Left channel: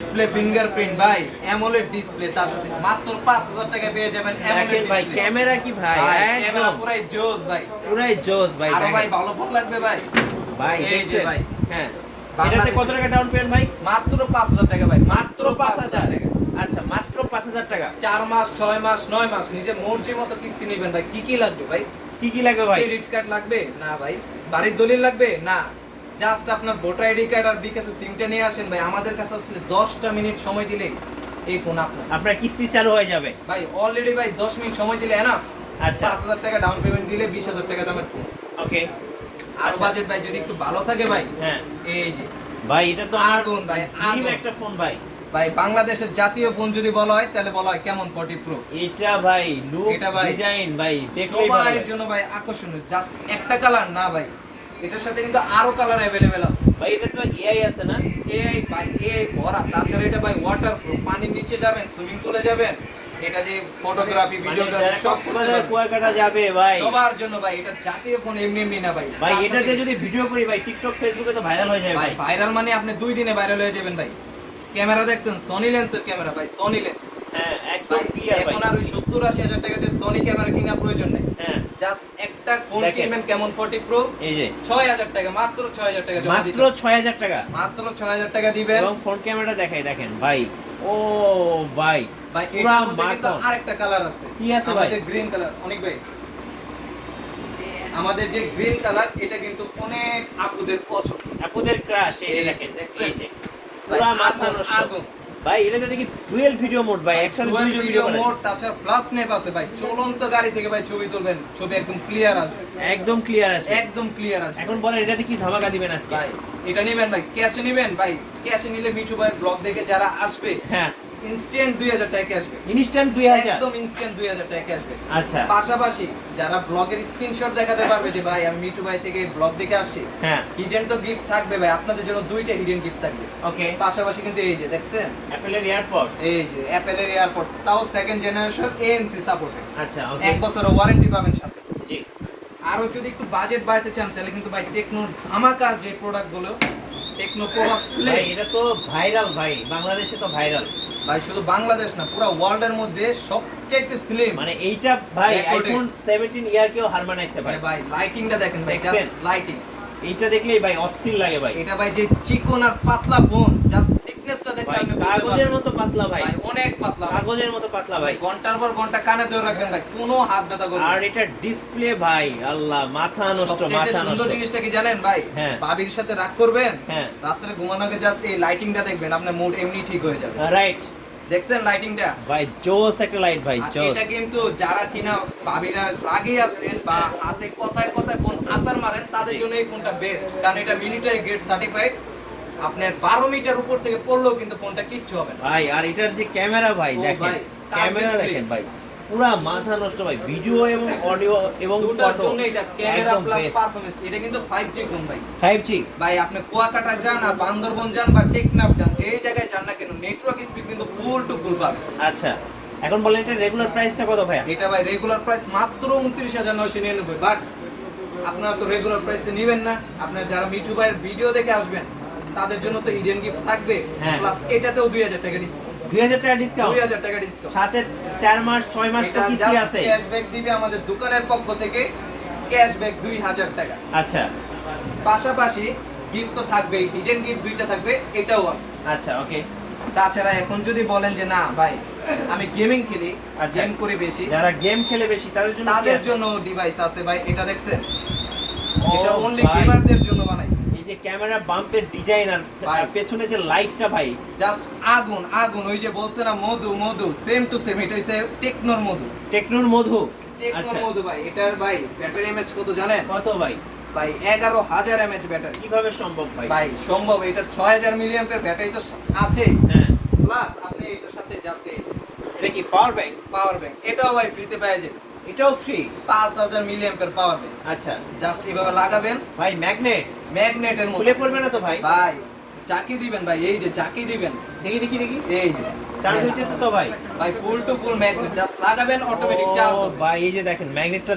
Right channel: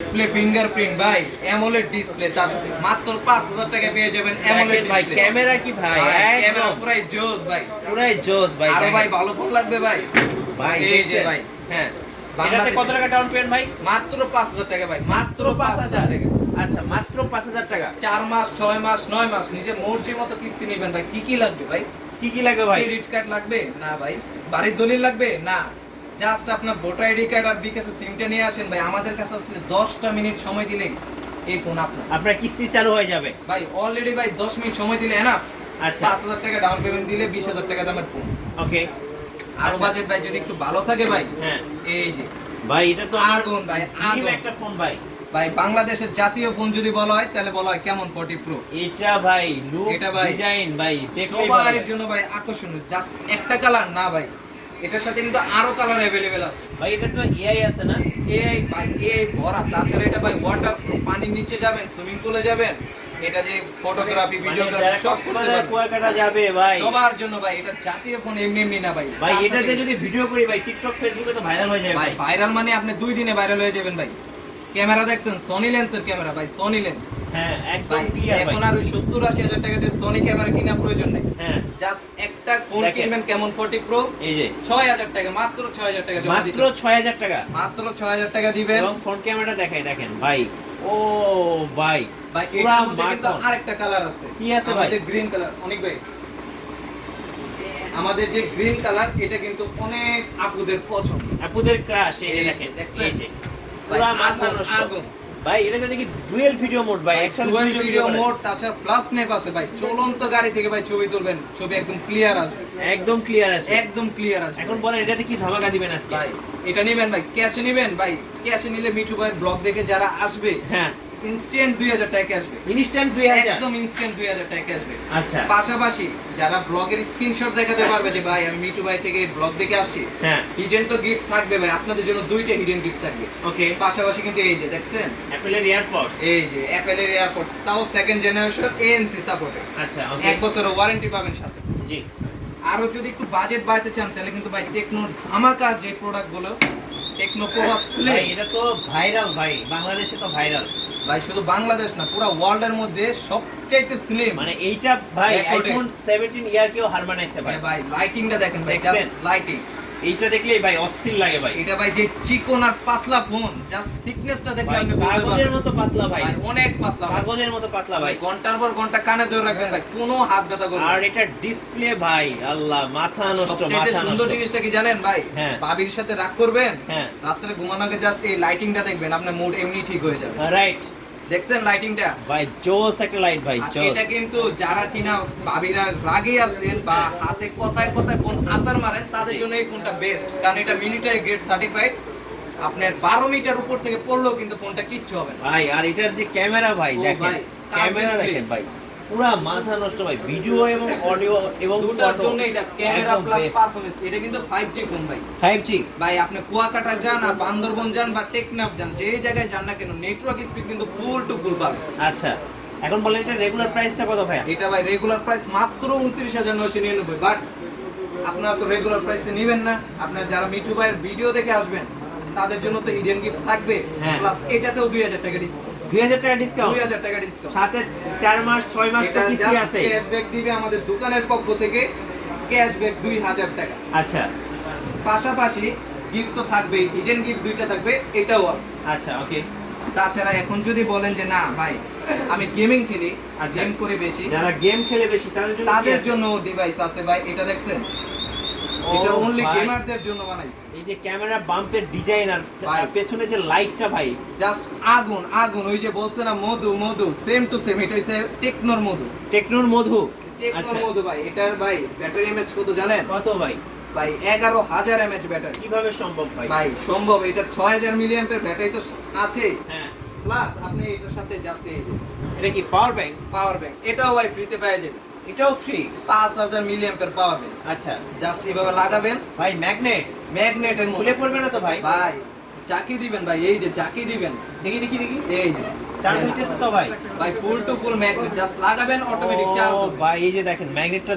Display fingerprint ভাই AMOLED display তার সাথে মাত্র 5000 টাকা পেয়ে যাবেন অ্যামোলেড ভাই ক্যামেরা কি ভাই ক্যামেরা একদম পুরাই জোস ভাই পুরাই জোস ভাই। আর ভাই ভালো ফোন লাগবে ভাই ভাই এই যে দেখছেন ভাই হ্যাঁ এটাতে কত টাকা ডাউন পেমেন্ট ভাই? মাত্র 5000 টাকা ভাই মাত্র 5000 টাকা। আচ্ছা মাত্র 5000 টাকা। 4 মাস 6 মাস 9 মাস নিজের মর্জির মতো কিস্তি নেবেন ভাই। কি কি লাগবে ভাই? কি কি লাগবে ভাই? ক্রেডিট কার্ড লাগবে না ভাই, বাড়ির দলিল লাগবে না, জাস্ট আপনার ভোটার আইডি কার্ড আর বিকাশের সিমটা নিয়ে আসেন ভাই। আমাদের কাছে আসলে 10টা মিনিট সময় দিলেই এই ফোন আপনার কিস্তি চালু হয়ে যাবে ভাই। অলরেডি ভাই 10 মিনিট সময় দিলে এনাফ। আচ্ছা 5000 টাকা ডাউন পেমেন্ট দিলে 20000 টাকা দামের ফোন। ওকে আর বাজেট ভাই যদি একটু ভালো থাকে ভাই, হ্যাঁ এই যে ভাই এটা তো আগুন ভাই, জিম আগুন। একটা ফোন ভাই। ভাই বাংলাদেশের জাতীয় ফোন যদি বলা হয় তাহলে বলা হয় কেমন 40 প্রো। এটা ভাই লুক এটা ভাই ডিজাইন ভাই দেখলেই ভালো সবার লাগে। জন্য ভাই আকর্ষণীয়। জাস্ট একটা কালার না ভাই, এটার সাথে কিন্তু আরো কালার अवेलेबल আছে ভাই এটা তো এআই আছে না? এআই ভাই, এআই ভরা। তাছাড়া এটা ভাই ওয়াটার পানির নিচে যাবেন, সুইমিং পুলে যাবেন, এটা যে ফটোগ্রাফি ভিডিওগ্রাফি সব করতে পারবেন। কুয়াকাটা যাবে ভাই সবার জন্য ভাই এটা জাতীয় ফোন, এমনি এমনি না ভাই। ভাই এটাতে যদি ভিডিও করি ভাই টিকটক ফেসবুকে তো ভাইরাল হয়ে যাবে ভাই ভাই। ভাইরাল মানে আপনি 2 দিনে ভাইরাল হয়ে যাবেন ভাই। ক্যামেরা দেখছেন সনি লেন্সের ক্যামেরা ভাই, সনি লেন্স হ্যাঁ একদম ভাই। ক্লিয়ার ভাই। এখন আর ওই 70-80 হাজার টাকা দিয়ে সনি ক্যামেরা কেনার প্রয়োজন নেই। হ্যাঁ জাস্ট একটা ফোন দেখেন। কিনবেন কেমন 40 প্রো, এই যে 6000 টাকা, মাত্র 6000 টাকা জমা দিতে মাত্র 6000 টাকা। মাত্র 6000 টাকা দিবেন। এবং ফ্রন্ট ক্যামেরাটা দেখাই দেখেন ভাই। ও ভাই ভাই পুরা এটার মধ্যে কিন্তু মাখন। আরেকটা কালার আছে। কি আছে ভাই? আমাদের গ্রিন কালার অনেক ভাই। আমাদের যে গ্রিন কালার এটা কিন্তু অনেক আপুদের পছন্দ। আপুদের ক্রাশ এই এই যে, দেখেন দেখছেন? এই যে ভাই, পুরা মাথা আগুন, নষ্ট আগুন। ভাই এটা দেখি ডুয়াল ভিডিও মোড ভাই একসাথে Dual video video mode mode, তাছাড়া ফ্ল্যাশ স্ন্যাপ আছে ভাই। চলন্ত গাড়ি থেকে ভাই ছবি তুলবেন, ছবি একদম ক্লিয়ার আসবে, একদম ক্লিয়ার আসবে। একদম ক্লিয়ার আসবে। এখন বলেন এটাতে কি ধামাকা দিবেন আজকে? ভাই এটা নেবেন ভাই, ক্যাশে নেবেন ভাই। ক্যাশে নিলে মিঠু ভাই ব্লগ দেখে যারা আসবে হ্যাঁ ইনস্ট্যান্ট 2000 টাকা আসবে। ইনস্ট্যান্ট 2000। একদম ইনস্ট্যান্ট 2000 টাকা আসবে। আচ্ছা পাশাপাশি যারা ব্লগের স্ক্রিনশট দেখাতে পারবে যে ভাই আমি মিঠু ভাই থেকে ব্লগ দেখে আসছি, হ্যাঁ হিডেন তো গিফট থাকবে ভাই। আপনাদের জন্য 2টা হিডেন গিফট থাকবে। ওকে পাশাপাশি কিন্তু এই যে দেখছেন, অ্যাপলের এয়ারপডস। এই যে অ্যাপেলের এয়ারপডস, তাও সেকেন্ড জেনারেশন এএনসি সাপোর্টেড। আচ্ছা ওকে 1 বছরের ওয়ারেন্টি পাবেন সাথে। জি আরো যদি একটু বাজেট বাড়াতে চান তাহলে কিন্তু ভাই টেকনো ধামাকা যে প্রোডাক্টগুলো, টেকনো পোভা ভাই স্লিম এটা তো ভাইরাল ভাই, বাংলাদেশে তো ভাইরাল। ভাই, শুধু বাংলাদেশ না পুরো ওয়ার্ল্ডের মধ্যে সবচেয়ে স্লিম। মানে এইটা ভাই Recorded। আইফোন 17 ইয়ার কেও হার মানাইছে ভাই। ভাই ভাই লাইটিংটা দেখেন ভাই, দেখছেন? Just lighting. এইটা দেখলেই ভাই অস্থির লাগে ভাই। এটা ভাই যে চিকন আর পাতলা ফোন, জাস্ট থিকনেসটা দেখলে ভাই আপনি বুঝতে কাগজের পারবেন। মতো পাতলা ভাই, ভাই অনেক পাতলা ভাই। কাগজের মতো পাতলা ভাই ভাই। ঘন্টার পর ঘন্টা কানে ধরে রাখবেন ভাই, কোনো হাত ব্যথা করবে না। আর এটা ডিসপ্লে ভাই আল্লাহ মাথা নষ্ট সবচেয়ে মাথা সুন্দর নষ্ট। জিনিসটা কি জানেন ভাই? হ্যাঁ। ভাবির সাথে রাগ করবেন, হ্যাঁ রাত্রে ঘুমানোর আগে জাস্ট এই লাইটিংটা দেখবেন, আপনার মুড এমনি ঠিক হয়ে যাবে। রাইট দেখছেন লাইটিংটা? ভাই জোস একটা লাইট ভাই আর জোস। এটা কিন্তু যারা কিনা ভাবিরা রাগে আছেন বা হাতে কথায় কথায় ফোন আসার মারেন তাদের জি। জন্য এই ফোনটা বেস্ট, কারণ এটা মিলিটারি গ্রেড সার্টিফাইড। আপনার 12 মিটার উপর থেকে পড়লেও কিন্তু ফোনটা কিচ্ছু হবে না। ভাই আর এটার যে ক্যামেরা ভাই ও দেখেন, ভাই, তার ক্যামেরা display। দেখেন ভাই পুরা মাথা নষ্ট ভাই, ভিডিও এবং অডিও এবং দুটার ফটো জন্য এটা ক্যামেরা একদম প্লাস বেস্ট। পারফরম্যান্স, এটা কিন্তু 5G ফোন ভাই। 5G ভাই আপনি কুয়াকাটা যান আর বান্দরবন যান বা টেকনাফ যান, যে জায়গায় যান না কেন নেটওয়ার্ক স্পিড কিন্তু ফুল টু ফুল পাবেন। আচ্ছা এখন বলেন এটা রেগুলার প্রাইসটা কত ভাই? এটা ভাই রেগুলার প্রাইস মাত্র 29999, বাট আপনারা তো রেগুলার প্রাইসে নেবেন না। আপনারা যারা মিঠু ভাইয়ের ভিডিও দেখে আসবেন তাদের জন্য তো হিডেন গিফট থাকবে, হ্যাঁ। প্লাস এটাতেও 2000 টাকা ডিসকাউন্ট। 2000 টাকা ডিসকাউন্ট, 2000 টাকা ডিসকাউন্ট। সাথে 4 মাস 6 মাস তো কিস্তি আছে। ক্যাশব্যাক দিবে আমাদের দোকানের পক্ষ থেকে, ক্যাশব্যাক 2000 টাকা। আচ্ছা পাশাপাশি গিফট তো থাকবেই, হিডেন গিফট 2টা থাকবে, এটাও আছে। আচ্ছা ওকে। তাছাড়া এখন যদি বলেন যে না ভাই আমি গেমিং খেলি, আচ্ছা। গেম করি বেশি, যারা গেম খেলে বেশি তাদের জন্য কি তাদের আছে? জন্য ডিভাইস আছে ভাই। এটা দেখছেন, ও এটা অনলি ভাই, গেমারদের জন্য বানাইছে। এই যে ক্যামেরা বাম্পের ডিজাইন আর ভাই। পেছনে যে লাইটটা ভাই জাস্ট আগুন আগুন। ওই যে বলছে না মধু মধু, সেম টু সেম। এটা হচ্ছে টেকনোর মধু, টেকনোর মধু। টেকনোর আচ্ছা মধু ভাই। এটার ভাই ব্যাটারি এমএইচ কত জানেন? কত ভাই? ভাই 11000 এমএইচ ব্যাটারি। কিভাবে সম্ভব ভাই? ভাই সম্ভব, এটা 6000 মিলিঅ্যাম্পিয়ার ব্যাটারি তো আছেই, হ্যাঁ প্লাস আপনি এটার সাথে জাস্ট এই এটা কি পাওয়ার ব্যাংক? পাওয়ার ব্যাংক, এটাও ভাই ফ্রিতে পেয়ে যাবেন। এটাও ফ্রি? 5000 milliampere power bank. আচ্ছা জাস্ট এইভাবে লাগাবেন, ভাই ম্যাগনেট ম্যাগনেটের মতো। খুলে পড়বে না তো ভাই? ভাই চাকি দিবেন ভাই, এই যে চাকি দিবেন, দেখি দেখি দেখি এই যে চার্জ হইতেছে তো ভাই? ভাই ফুল টু ফুল ম্যাগনেট, জাস্ট লাগাবেন অটোমেটিক ও চার্জ হবে। ভাই এই যে দেখেন ম্যাগনেটটা